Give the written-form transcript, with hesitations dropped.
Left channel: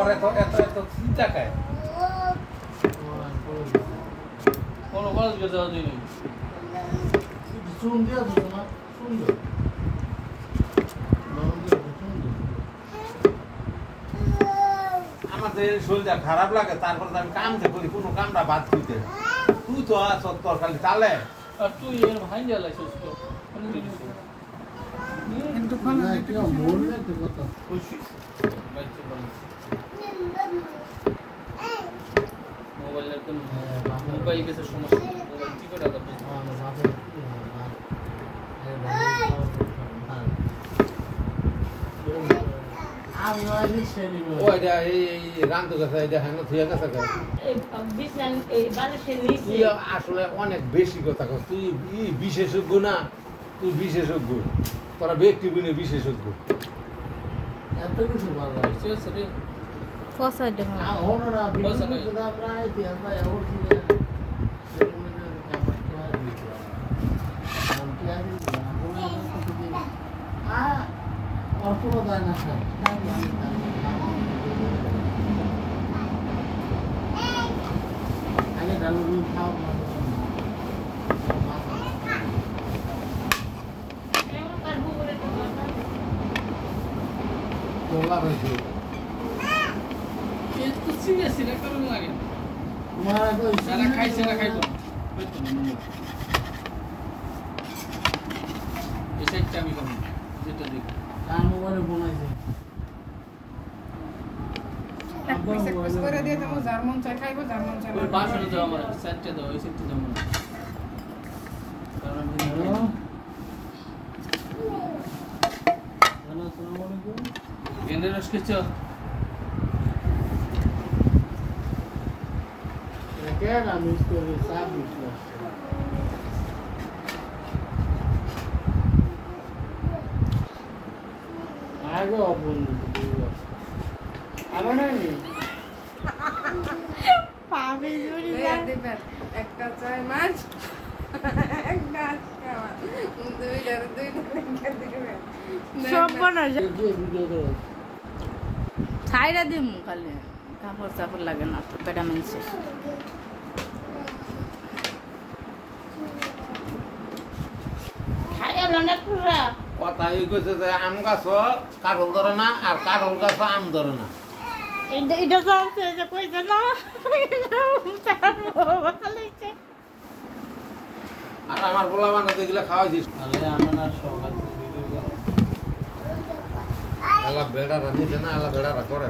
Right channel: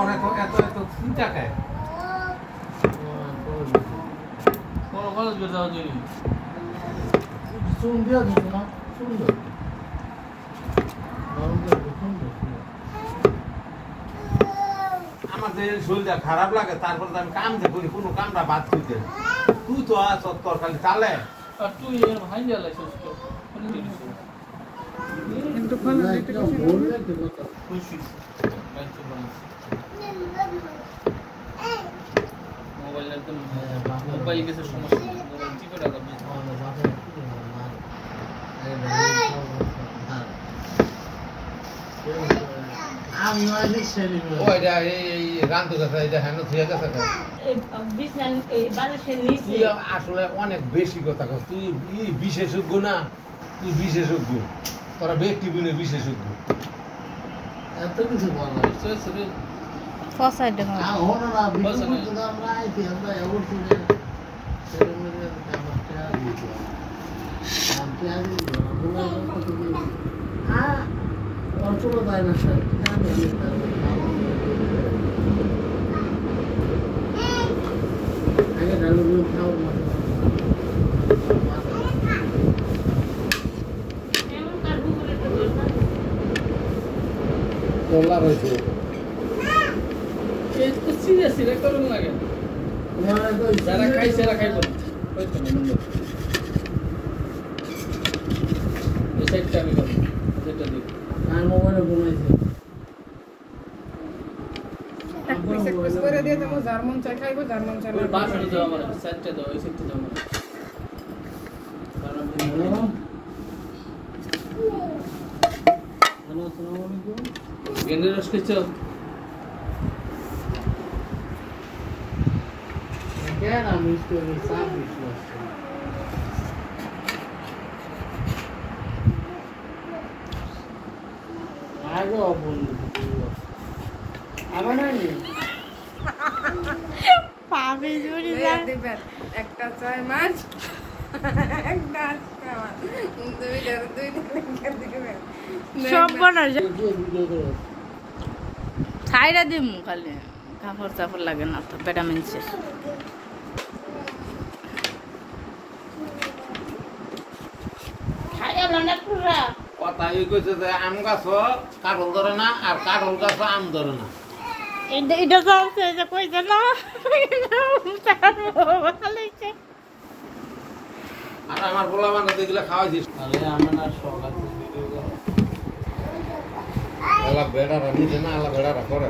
পরে তো এত এত চিন্তা খায় কোন কলেজ গেছে আজই চুন দিয়া দিত না সুন্দর আমাদের শরীরটা খারাপ লাগে তারপরে আমি কামতে করি কোনো কামটা বাদ দিতে তুই তো আছ তোর খালি চালে আর তুই এর ভাই গেল কিন্তু কোন দিতে বলবে তো কথা খুশি বাইতে বলছি মোবাইল একদম মোবাইল গেছে সমস্যা কি করে দাও ওইটা এই রান্ধু গেছে এটা হেন থুয়া গেছে তুই আসলে অনেক বেশি কথা কস তুই বিশেষজ্ঞ না তুই বিশেষজ্ঞ তোরা ব্যক্তি গুণে বিশেষজ্ঞ এত কিছু ভালো সে ফসাই দেখো ওনারা বিদ্যুৎ আমরা আইছি আমরা এমন শুনে সেরকমের ব্যাপারটা দিতে আমি আদি বলা কথা কি অত দায় না স্যার আগে ডালগুলো খাও তোলা হয়েছে এই তো সিরিয়াস রে করুন লাগে তোমার তো যারা খাইছে না খাইবো হয়তো না এই সাইডটা আমি করব যেটা দেখ কার মোবাইলে বনাইছে এক পয়সা খরচ করে দিয়ে দেবো জার্মান চা খাইবো জার্মান চা ওই বাসনে দাও আমার সাইডটা দাও এই সাইডটা দাও আমার কারণ আসসালামু আলাইকুম গেন্ডের রস খেয়েছো কেন আমি স্টোরি সার্ভিস আগে অবন্ধু আবার নাই পাবে জুড়ি দিবেন একটা ছয় মাস একটা খাওয়া সব বানার যে ভিডিও করে ছাইরা দিমু খালি কাপড় চাপড় লাগে না তো ভিটামিনসের খাইয়া লন্ডা পুরা কথা এই কইছে যে আম গাছ কাঠল ধরে না আর কাঠল গাছ আম ধরে না এটা জানছে যে কইছে না খালিছে আর আমার বলা বান্ধব এগুলো খাওয়াই দিস তাহলে আমরা না সকাল ভিডিও আলা বেড়া রান্ধি না আলা বেড়া করে